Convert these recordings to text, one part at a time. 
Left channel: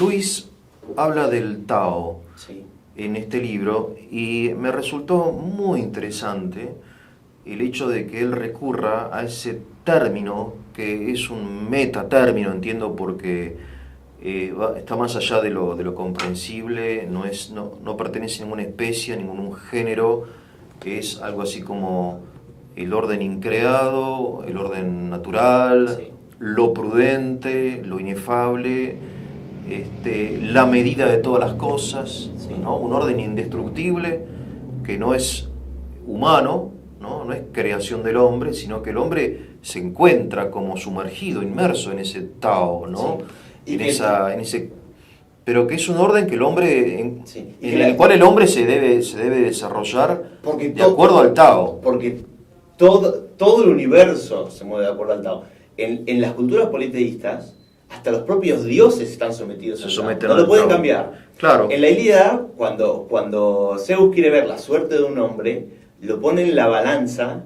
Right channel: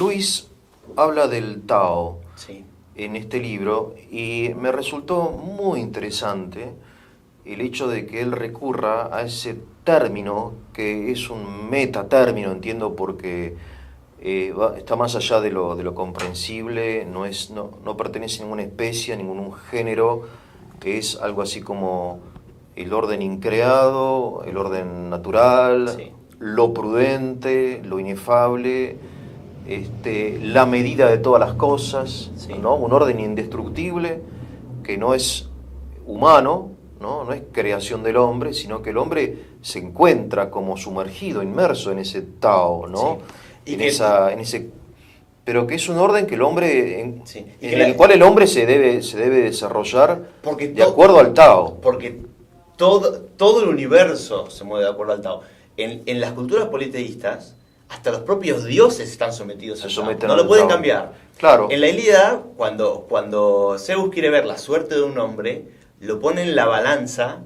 Luis habla del Tao Sí, en este libro y me resultó muy interesante el hecho de que él recurra a ese término que es un metatérmino, entiendo, porque está más allá de lo comprensible, no pertenece a ninguna especie, a ningún género, es algo así como el orden increado, el orden natural, sí, lo prudente, lo inefable, la medida de todas las cosas, sí. ¿no? Un orden indestructible que no es humano, ¿no? No es creación del hombre, sino que el hombre se encuentra como sumergido, inmerso en ese Tao, Sí. ¿no? Y que, En ese, pero que es un orden que el hombre, sí. Y que en el cual el hombre se debe desarrollar porque, de acuerdo al Tao. porque todo el universo se mueve de acuerdo al Tao. En las culturas politeístas, hasta los propios dioses están sometidos Se al Tao. someten No al lo pueden Tao. cambiar. Claro, En la Ilíada, cuando Zeus quiere ver la suerte de un hombre, lo pone en la balanza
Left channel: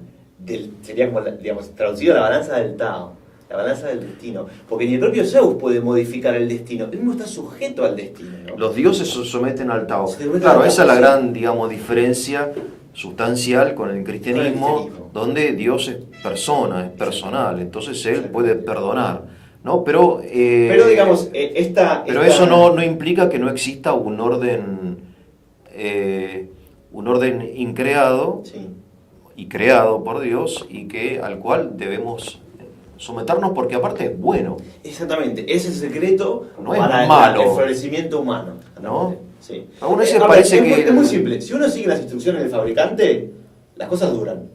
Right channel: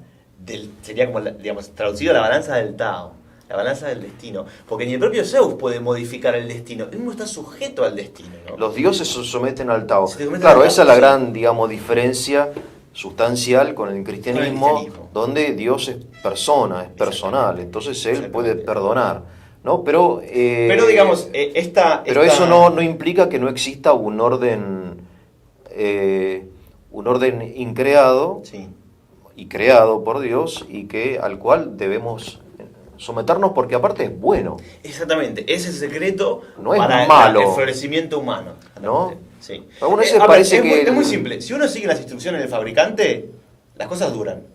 sería como, digamos, traducido a la balanza del Tao, la balanza del destino. Porque ni el propio Zeus puede modificar el destino. Él no está sujeto al destino, ¿no? los dioses se someten al Tao. Se someten Claro, al Tao, esa es la sí. gran, digamos, diferencia sustancial con el cristianismo, cristianismo. donde Dios es persona, es personal, entonces Él puede Exactamente. perdonar, ¿no? Pero, Pero digamos, pero eso no implica que no exista un orden increado Sí, y creado por Dios y que al cual debemos someternos porque aparte es bueno, exactamente. Es el secreto no es para malo, el florecimiento humano. ¿no? Sí. Algunas veces A ver, parece que es muy simple. Si uno sigue las instrucciones del fabricante, las cosas duran.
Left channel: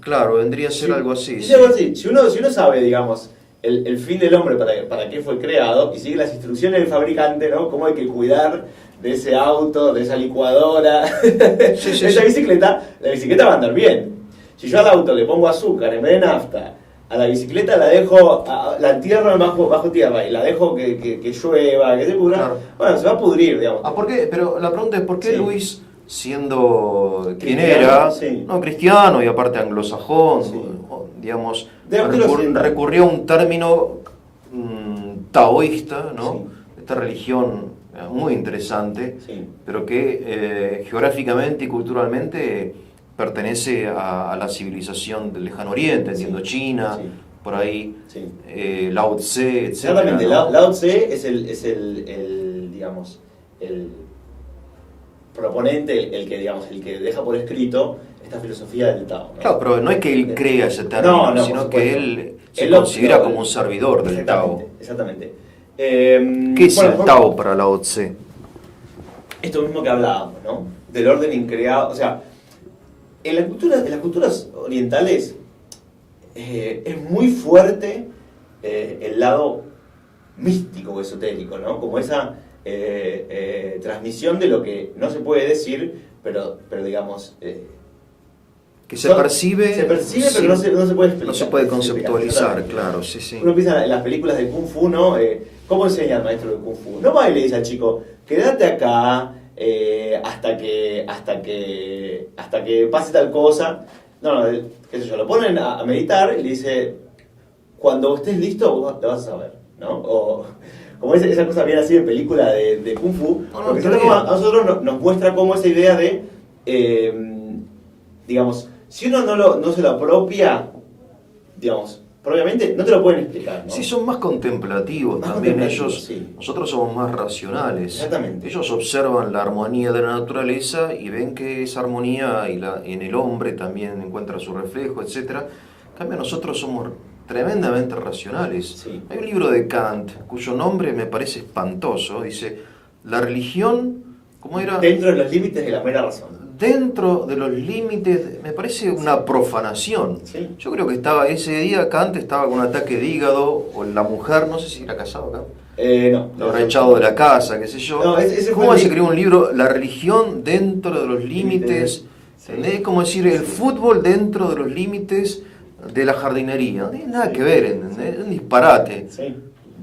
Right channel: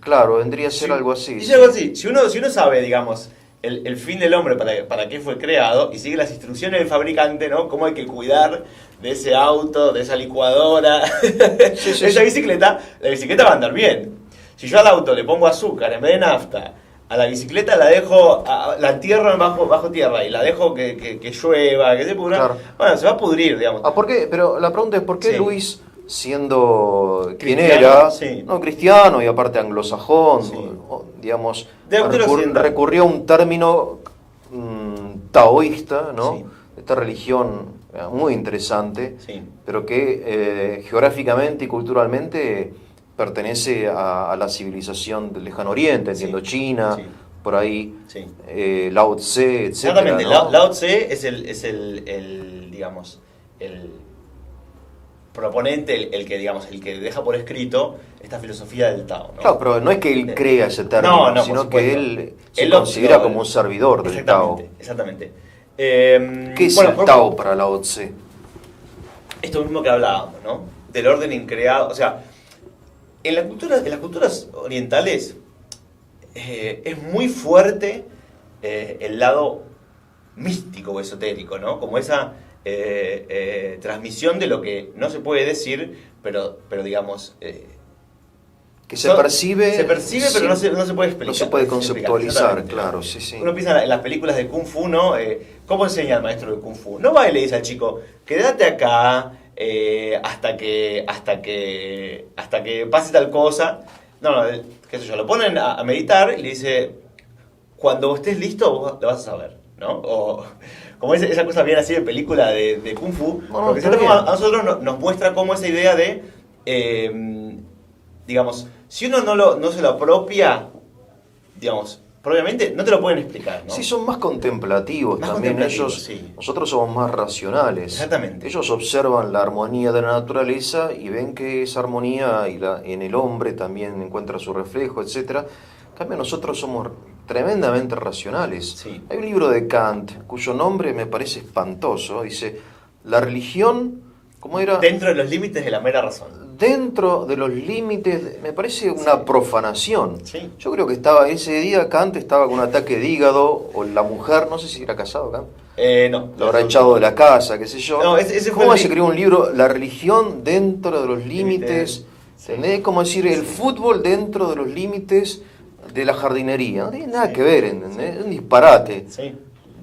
claro, vendría a ser Sí, algo así. es Sí. algo así. Si uno sabe, digamos, el fin del hombre, para qué fue creado, y sigue las instrucciones del fabricante, ¿no? Cómo hay que cuidar de ese auto, de esa licuadora, Sí, de sí, esa sí. bicicleta, la bicicleta va a andar bien. Si yo al auto le pongo azúcar en vez de nafta, a la bicicleta la dejo, la entierro bajo tierra y la dejo que llueva, que se pudra, Claro. bueno, se va a pudrir, digamos. ¿Por qué? Pero la pregunta es ¿por qué Sí. Luis, siendo quien Cristiano, era, sí. no cristiano y aparte anglosajón, Sí. digamos, De occidental. recurrió a un término taoísta, ¿no? Sí. Esta religión muy interesante, Sí. pero que geográficamente y culturalmente pertenece a la civilización del Lejano Oriente, entiendo, Sí. China, Sí. por ahí, Sí. Lao Tse, etcétera, Exactamente, ¿no? Lao Tse es digamos, el proponente, el que deja por escrito esta filosofía del Tao, ¿no? Claro, pero no es que él crea ese término, No, no, sino por que supuesto. él se Él lo- considera lo- como un servidor del Tao. Exactamente. ¿Qué es el Tao para Lao Tse? Esto mismo que hablábamos, ¿no? Del orden increado. O sea, en las culturas orientales es muy fuerte el lado místico o esotérico, ¿no? Como esa transmisión de lo que no se puede decir, pero digamos... Que se percibe, Se percibe, sí, pero no se puede explicar. no se puede conceptualizar, Exactamente. claro, sí, sí. Uno piensa en las películas de Kung Fu, ¿no? ¿Cómo enseña el maestro de Kung Fu? No va y le dice al chico, quédate acá hasta que pase tal cosa. No, qué sé yo, lo ponen a meditar y le dice, cuando estés listo vos lo vas a saber, ¿no? O como esa cosa bien así de película de Kung Fu, No, porque está si no, bien. a nosotros nos muestra cómo esa idea de, digamos, si uno no se lo apropia, digamos, propiamente no te lo pueden explicar, ¿no? Sí, son más contemplativos Más también contemplativos, ellos, sí. nosotros somos más racionales. Exactamente. Ellos observan la armonía de la naturaleza y ven que esa armonía en el hombre también encuentra su reflejo, etcétera. En cambio nosotros somos tremendamente racionales. Sí. Hay un libro de Kant cuyo nombre me parece espantoso, dice, la religión, ¿cómo era? Dentro de los límites de la mera razón. Dentro de los límites, me parece una profanación. Sí. Yo creo que ese día Kant estaba con un ataque de hígado, o la mujer, no sé si era casado Kant, No. lo habrá echado de la casa, qué sé yo. No, ese fue ¿Cómo el se escribió un libro? La religión dentro de los límites, Límites, sí. ¿entendés? Como decir, el fútbol dentro de los límites de la jardinería. No tiene nada que ver, ¿entendés? Es un disparate. Sí.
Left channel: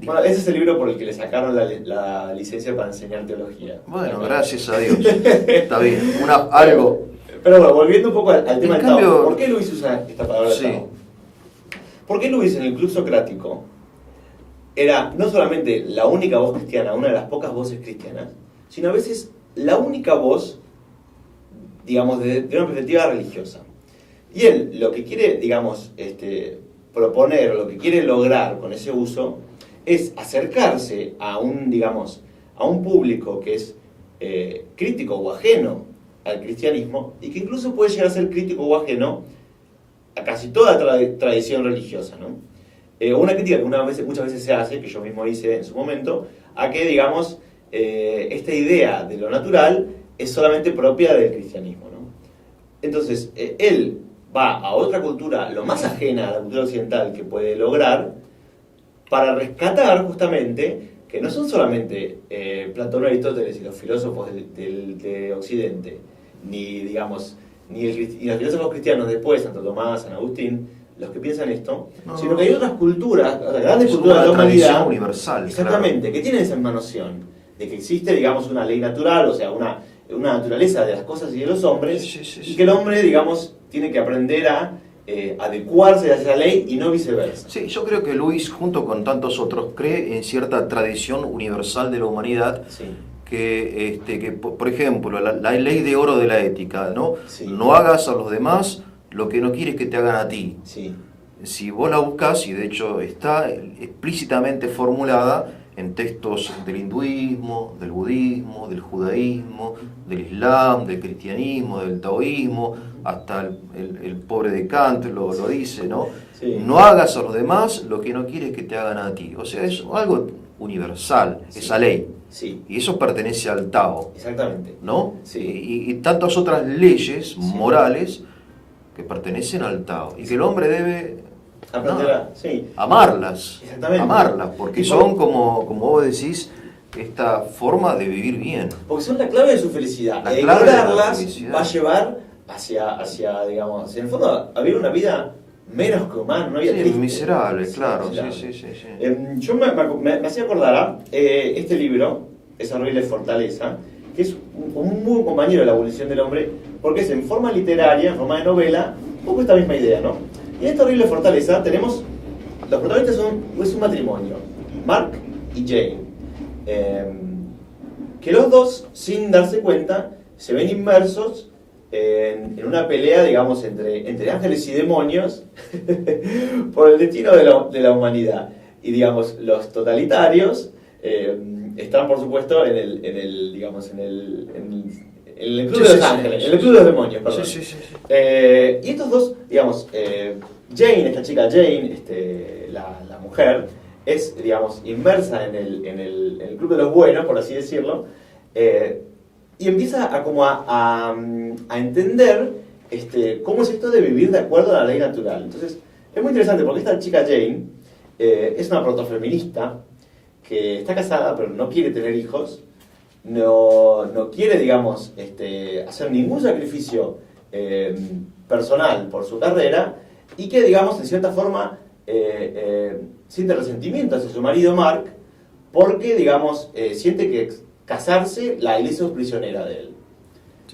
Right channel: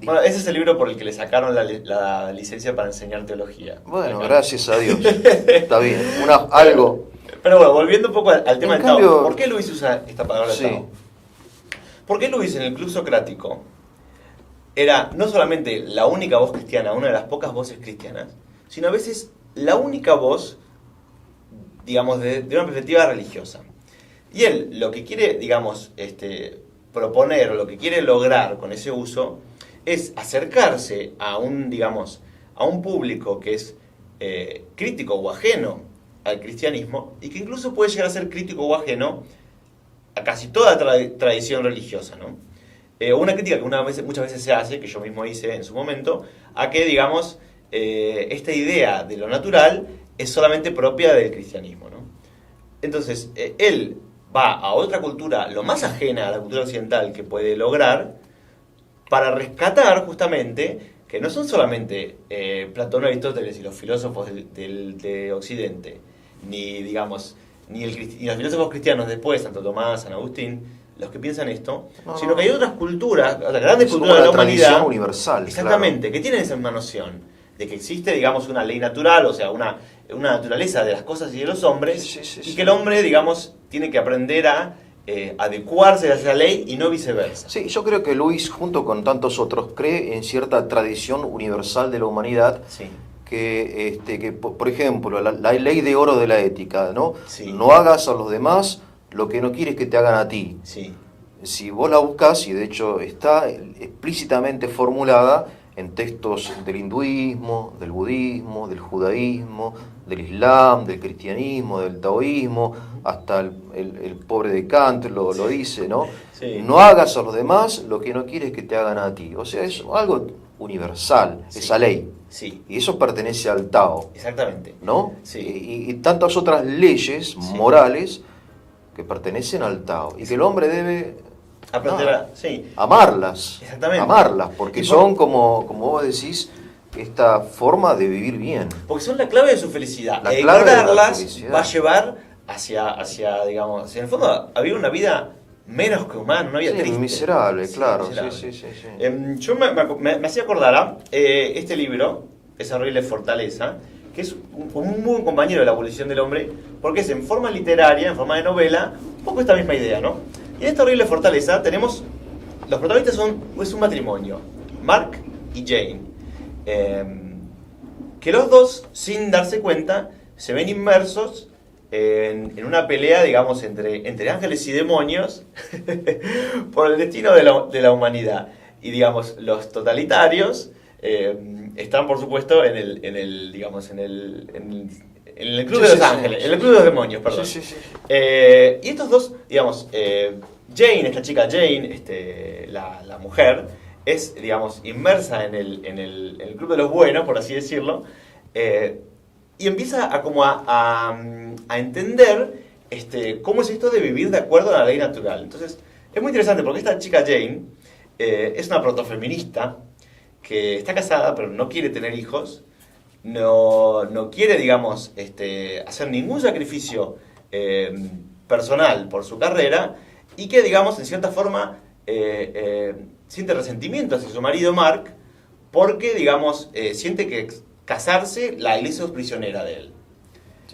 Bueno, ese es el libro por el que le sacaron la licencia para enseñar teología. Bueno, gracias a Dios. Está bien. Algo. Pero bueno, volviendo un poco al tema En del cambio- Tao. ¿Por qué Luis usa esta palabra Sí. Tao? ¿Por qué Luis en el Club Socrático era no solamente la única voz cristiana, una de las pocas voces cristianas, sino a veces la única voz, digamos, de una perspectiva religiosa. Y él lo que quiere, digamos, proponer, o lo que quiere lograr con ese uso, es acercarse a un, digamos, a un público que es crítico o ajeno al cristianismo, y que incluso puede llegar a ser crítico o ajeno a casi toda tradición religiosa, ¿no? Una crítica que muchas veces se hace, que yo mismo hice en su momento, a que, digamos, esta idea de lo natural es solamente propia del cristianismo, ¿no? Entonces, él va a otra cultura, lo más ajena a la cultura occidental que puede lograr, para rescatar justamente que no son solamente Platón, Aristóteles y los filósofos de Occidente, ni, digamos, ni los filósofos cristianos después, Santo Tomás, San Agustín, los que piensan esto, sino que hay otras culturas, las grandes culturas de la tradición humanidad, universal. exactamente, Claro. que tienen esa misma noción de que existe, digamos, una ley natural, o sea, una naturaleza de las cosas y de los hombres, y que el hombre, digamos, tiene que aprender a adecuarse a esa ley y no viceversa. Sí, yo creo que Luis, junto con tantos otros, cree en cierta tradición universal de la humanidad. Sí. Que por ejemplo, la ley de oro de la ética, ¿no? Sí. No hagas a los demás lo que no quieres que te hagan a ti. Sí. Si vos la buscas, y de hecho está explícitamente formulada en textos del hinduismo, del budismo, del judaísmo, del islam, del cristianismo, del taoísmo, hasta el pobre de Kant lo dice, ¿no? Sí. No hagas a los demás lo que no quieres que te hagan a ti. O sea, es algo universal, Sí. esa ley. Sí. Y eso pertenece al Tao, Exactamente. ¿no? Sí. Y tantas otras leyes Sí. morales que pertenecen al Tao. Y que el hombre debe Aprender sí. amarlas. Exactamente. Amarlas, porque son, como vos decís, esta forma de vivir bien. Porque son la clave de su felicidad. La clave de la Ignorarlas felicidad. va a llevar hacia, digamos, hacia el fondo, a vivir una vida menos que humana, una vida Sí, triste. miserable, Sí, claro. miserable. Sí. Yo me hacía acordar este libro, Esa horrible fortaleza, que es un muy buen compañero de la abolición del hombre, porque es en forma literaria, en forma de novela, un poco esta misma idea, ¿no? Y en esta horrible fortaleza tenemos, los protagonistas es un matrimonio, Mark y Jane, que los dos, sin darse cuenta, se ven inmersos en una pelea, digamos, entre ángeles y demonios por el destino de la humanidad. Y, digamos, los totalitarios están, por supuesto, en el club de los ángeles, en el club de los demonios, perdón. Sí. Y estos dos, digamos, Jane, esta chica Jane, la mujer, es, digamos, inmersa en el club de los buenos, por así decirlo, y empieza a entender cómo es esto de vivir de acuerdo a la ley natural. Entonces, es muy interesante porque esta chica Jane es una protofeminista que está casada pero no quiere tener hijos, no quiere, digamos, hacer ningún sacrificio personal por su carrera, y que, digamos, en cierta forma siente resentimiento hacia su marido Mark porque, digamos, siente que casarse la hizo prisionera de él.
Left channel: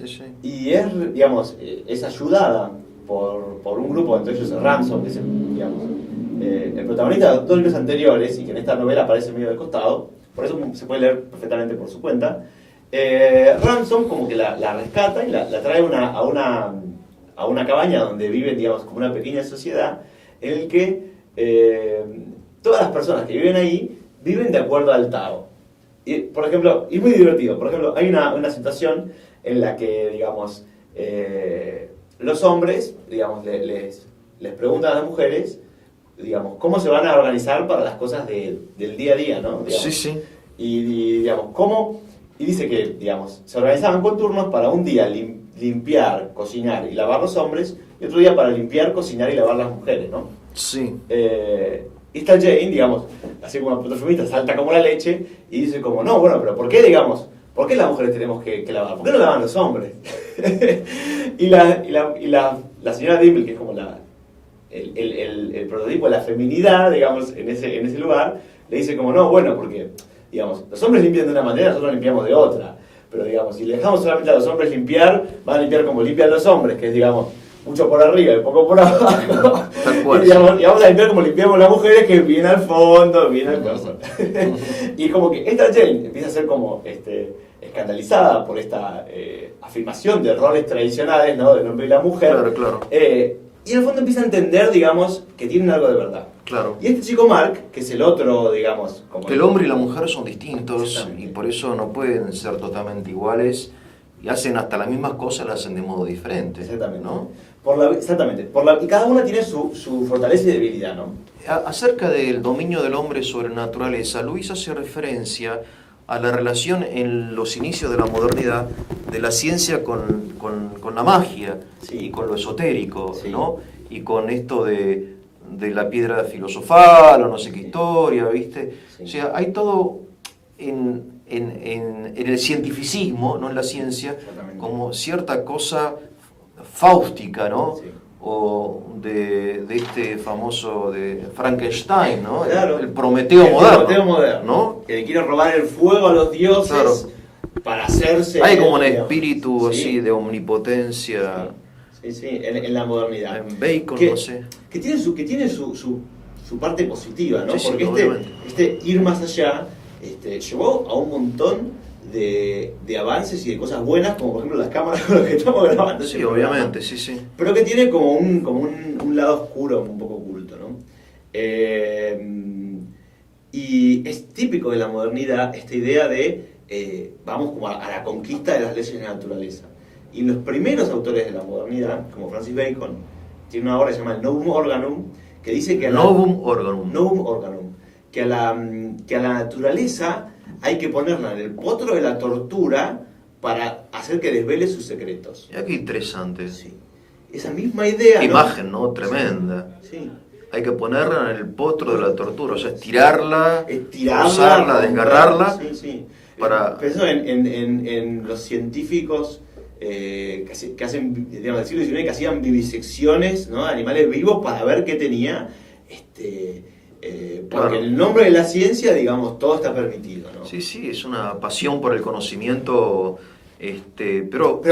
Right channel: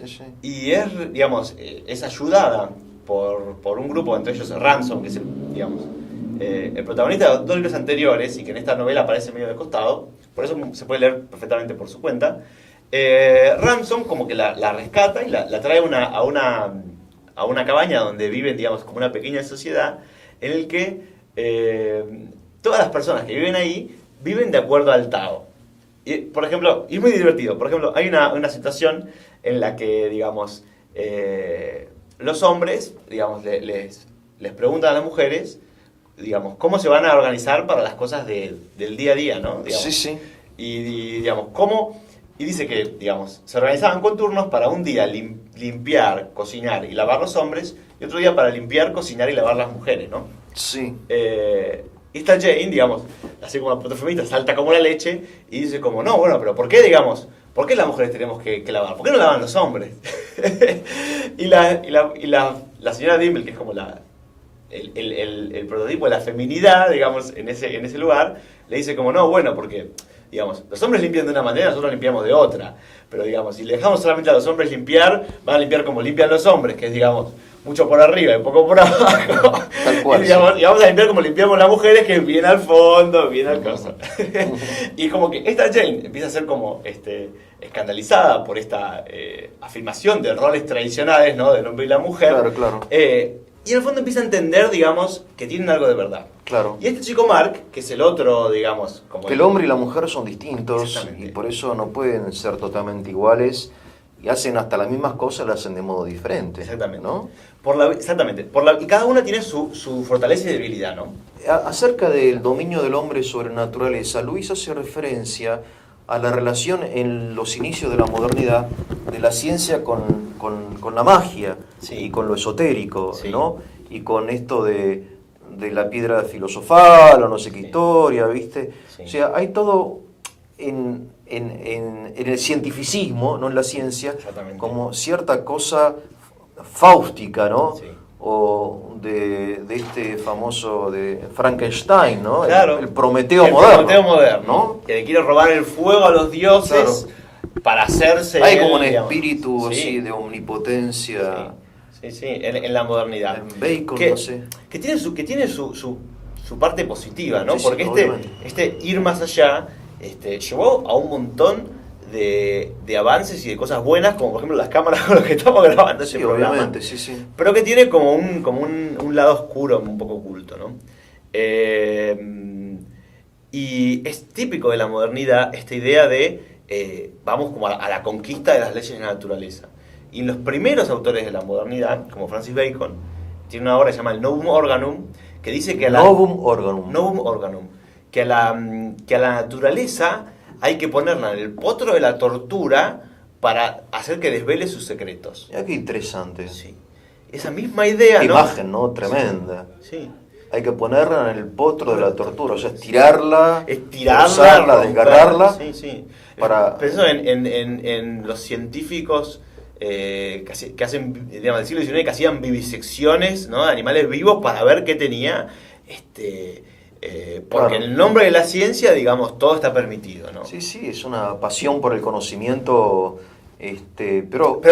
Sí. Y es, digamos, es ayudada por un grupo, entre ellos Ransom, que es el protagonista de dos libros anteriores y que en esta novela aparece medio de costado, por eso se puede leer perfectamente por su cuenta. Ransom como que la rescata y la trae a una cabaña donde viven, digamos, como una pequeña sociedad en el que todas las personas que viven ahí viven de acuerdo al Tao. Y, por ejemplo, y es muy divertido, por ejemplo, hay una situación en la que, digamos, los hombres, digamos, les preguntan a las mujeres, digamos, cómo se van a organizar para las cosas del día a día, ¿no? Digamos. Sí. Y digamos, ¿cómo? Y dice que, digamos, se organizaban con turnos para un día limpiar, cocinar y lavar los hombres, y otro día para limpiar, cocinar y lavar las mujeres, ¿no? Sí. Y esta Jane, digamos, así como la protofeminista, salta como la leche y dice como, no, bueno, pero ¿por qué, digamos, por qué las mujeres tenemos que lavar? ¿Por qué no lavan los hombres? y la señora Dimple, que es como el prototipo de la feminidad, digamos, en ese lugar, le dice como, no, bueno, porque, digamos, los hombres limpian de una manera, nosotros limpiamos de otra. Pero, digamos, si le dejamos solamente a los hombres limpiar, van a limpiar como limpian los hombres, que es, digamos, mucho por arriba y poco por abajo. Tal cual. Y vamos a limpiar como limpiamos las mujeres, que viene al fondo, viene al coso. Y como que esta Jane empieza a ser como escandalizada por esta afirmación de roles tradicionales, ¿no? Del hombre y la mujer. Claro, claro. Y en el fondo empieza a entender, digamos, que tienen algo de verdad. Claro. Y este chico Mark, que es el otro, digamos... Como que el hombre y la mujer son distintos y por eso no pueden ser totalmente iguales y hacen hasta las mismas cosas, las hacen de modo diferente. Exactamente. ¿No? Exactamente. Y cada una tiene su fortaleza y debilidad, ¿no? Acerca del dominio del hombre sobre la naturaleza, Luis hace referencia a la relación en los inicios de la modernidad de la ciencia con la magia, sí, y con lo esotérico, sí, ¿no? Y con esto de la piedra filosofal o no sé qué, sí, historia, ¿viste? Sí. O sea, hay todo en el cientificismo, no en la ciencia, como cierta cosa fáustica, ¿no? Sí. O de este famoso de Frankenstein, ¿no? Claro. El Prometeo moderno. El Prometeo moderno, ¿no? Que le quiere robar el fuego a los dioses, claro, para hacerse... Hay como un espíritu, sí, así de omnipotencia. Sí, sí, en la modernidad. En Bacon, no sé. Que tiene su parte positiva, ¿no? Sí, porque sí, este ir más allá llevó a un montón de avances y de cosas buenas, como por ejemplo las cámaras con las que estamos grabando. Sí, obviamente, sí, sí. Pero que tiene como un lado oscuro, un poco oculto, ¿no? Y es típico de la modernidad esta idea de vamos como a la conquista de las leyes de la naturaleza. Y los primeros autores de la modernidad, como Francis Bacon, tiene una obra que se llama el Novum Organum, que dice que Novum Organum, que a la naturaleza hay que ponerla en el potro de la tortura para hacer que desvele sus secretos. Mira qué interesante. Sí. Esa misma idea, imagen, ¿no? Tremenda. Sí. Hay que ponerla en el potro de la tortura, o sea, estirarla, usarla, desgarrarla. Sí, sí. Para... Pensando en los científicos que hacen, digamos, del siglo XIX, que hacían vivisecciones, ¿no?, de animales vivos para ver qué tenía, porque claro, en el nombre de la ciencia, digamos, todo está permitido, ¿no? Sí, sí, es una pasión por el conocimiento, pero por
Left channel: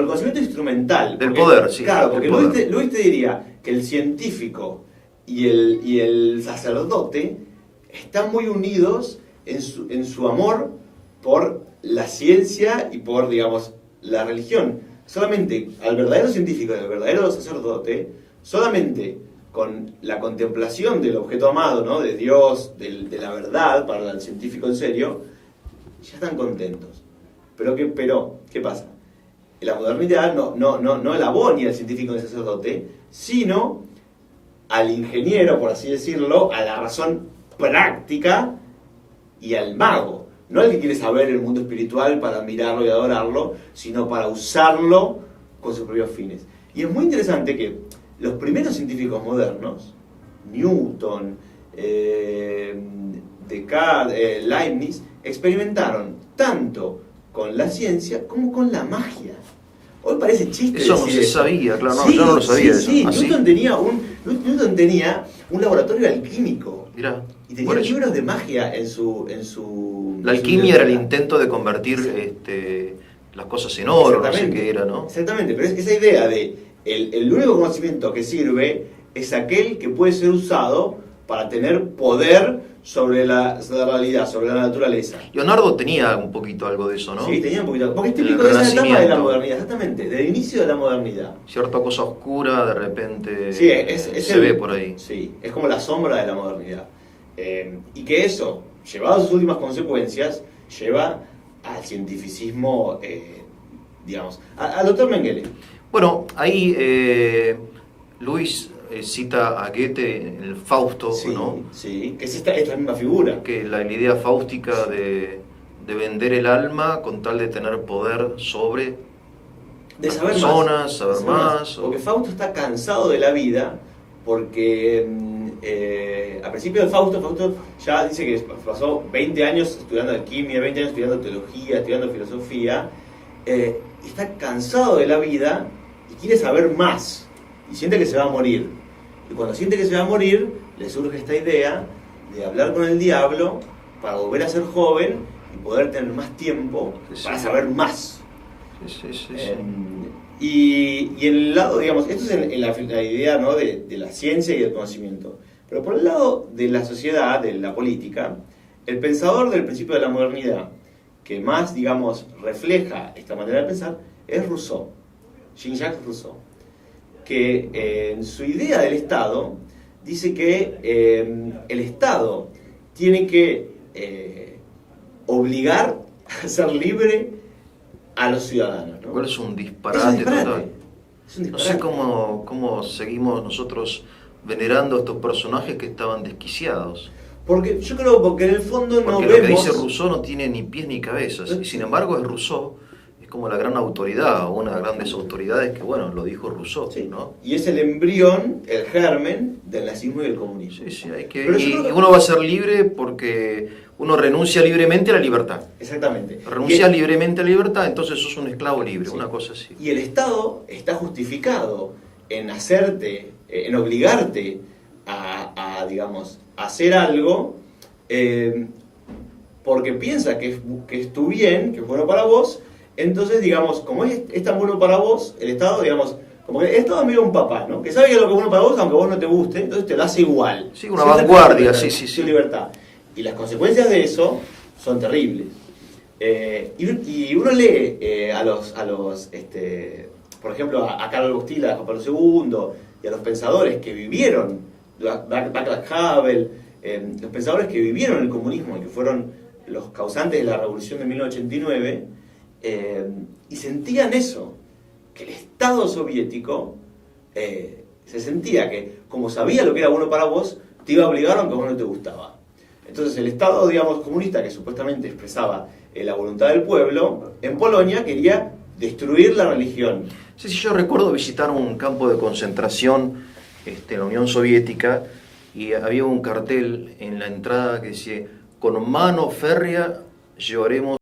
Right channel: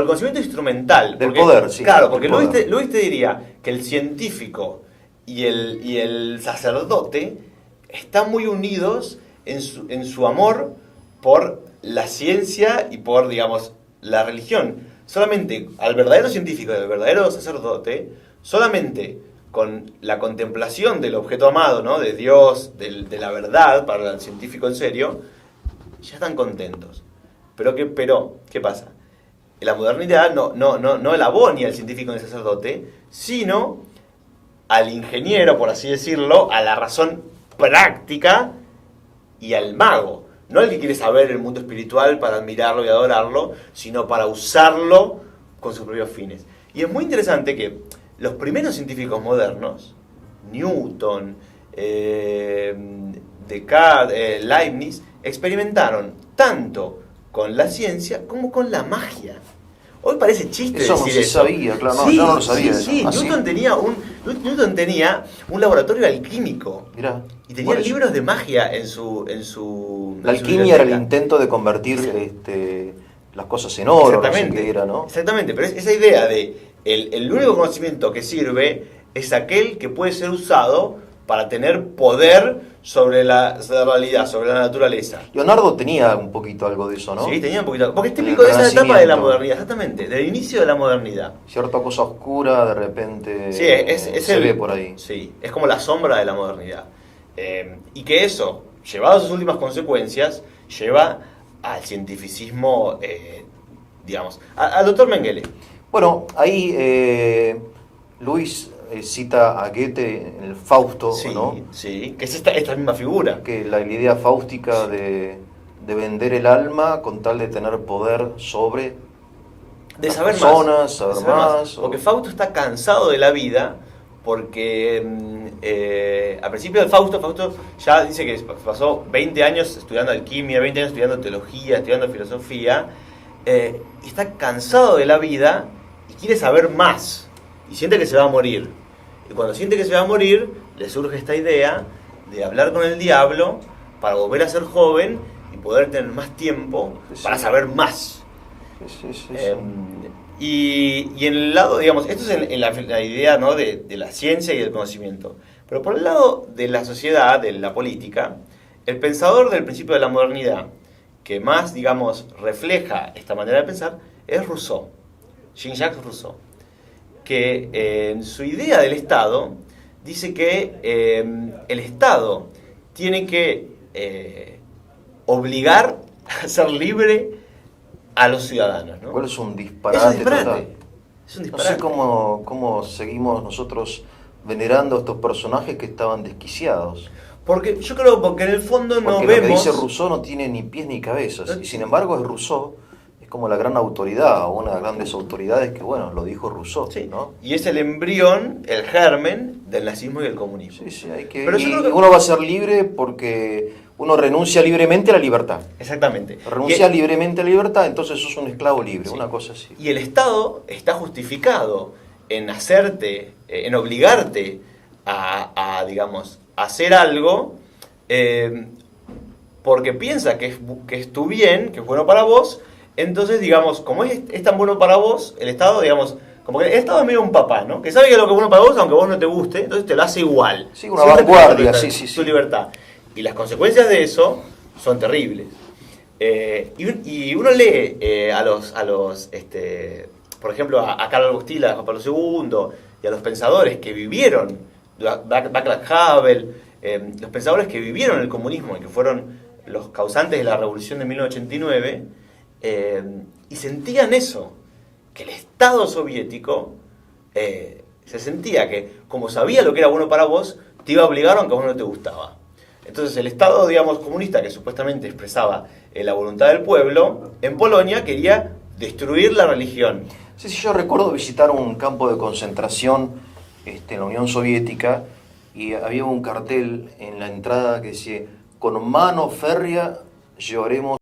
el conocimiento instrumental. Del poder, sí. Claro, porque Luis te diría que el científico y el sacerdote están muy unidos en su amor por la ciencia y por, digamos, la religión. Solamente al verdadero científico y al verdadero sacerdote, solamente con la contemplación del objeto amado, ¿no?, de Dios, de la verdad, para el científico en serio, ya están contentos. Pero ¿qué pasa? La modernidad no alabó ni al científico ni al sacerdote, sino al ingeniero, por así decirlo, a la razón práctica y al mago. No al que quiere saber el mundo espiritual para admirarlo y adorarlo, sino para usarlo con sus propios fines. Y es muy interesante que los primeros científicos modernos, Newton, Descartes, Leibniz, experimentaron tanto con la ciencia como con la magia. Hoy parece chiste eso decir no se eso. sabía, claro, Sí, yo no lo sabía. Sí, eso. Newton tenía un laboratorio alquímico. Mirá, y tenía libros de magia en su la alquimia era el intento de convertir las cosas en oro, no sé qué era, ¿no? Exactamente, pero esa idea de el único conocimiento que sirve es aquel que puede ser usado para tener poder sobre la realidad, sobre la naturaleza. Leonardo tenía un poquito algo de eso, ¿no? Sí, tenía un poquito. Porque es típico de esa etapa de la modernidad, exactamente, del inicio de la modernidad. Cierta cosa oscura de repente se ve por ahí. Sí, es como la sombra de la modernidad. Y que eso, llevado a sus últimas consecuencias, lleva al cientificismo, digamos, al doctor Mengele. Bueno, ahí Luis cita a Goethe en el Fausto, sí, ¿no? Sí, que es esta misma figura. Que la idea fáustica de vender el alma con tal de tener poder sobre de las saber personas, más, saber más. Porque Fausto está cansado de la vida, porque al principio del Fausto ya dice que pasó 20 años estudiando alquimia, 20 años estudiando teología, estudiando filosofía, y está cansado de la vida y quiere saber más. Y siente que se va a morir. Y cuando siente que se va a morir, le surge esta idea de hablar con el diablo para volver a ser joven y poder tener más tiempo para saber más. Y en el lado, digamos, esto es en la idea, ¿no? de la ciencia y del conocimiento. Pero por el lado de la sociedad, de la política, el pensador del principio de la modernidad, que más, digamos, refleja esta manera de pensar, es Rousseau, Jean-Jacques Rousseau, que en su idea del Estado dice que el Estado tiene que obligar a ser libre a los ciudadanos, ¿no? Igual es un Es un disparate disparate. total. Es un No disparate. sé cómo seguimos nosotros venerando a estos personajes que estaban desquiciados. Porque yo creo porque en el fondo no Porque lo vemos... que dice Rousseau no tiene ni pies ni cabezas. Y sin embargo es Rousseau, es como la gran autoridad, o una de las grandes autoridades que, bueno, lo dijo Rousseau, Sí, ¿no? y es el embrión, el germen del nazismo y el comunismo. Sí, sí, hay que... Pero yo Y creo que- uno va a ser libre porque uno renuncia libremente a la libertad. Exactamente. Renuncias libremente a la libertad, entonces sos un esclavo libre, Sí. una cosa así. Y el Estado está justificado en hacerte, en obligarte digamos, a hacer algo porque piensa que es tu bien, que es bueno para vos. Entonces, digamos, como es tan bueno para vos, el Estado, digamos, como que el Estado es medio un papá, ¿no? Que sabe que lo que es bueno para vos, aunque vos no te guste, entonces te lo hace igual. Sí, una Siempre te vanguardia, respeta sí, sí, tu sí. libertad. Y las consecuencias de eso son terribles. Y uno lee por ejemplo, a Carlos Gostila, a Juan Pablo II, y a los pensadores que vivieron, Václav Havel, los pensadores que vivieron el comunismo y que fueron los causantes de la revolución de 1989, y sentían eso, que el Estado soviético se sentía que, como sabía lo que era bueno para vos, te iba a obligar aunque a vos no te gustaba. Entonces el Estado, digamos, comunista, que supuestamente expresaba la voluntad del pueblo, en Polonia quería destruir la religión. Sí, sí, yo recuerdo visitar un campo de concentración en la Unión Soviética y había un cartel en la entrada que decía: con mano férrea llevaremos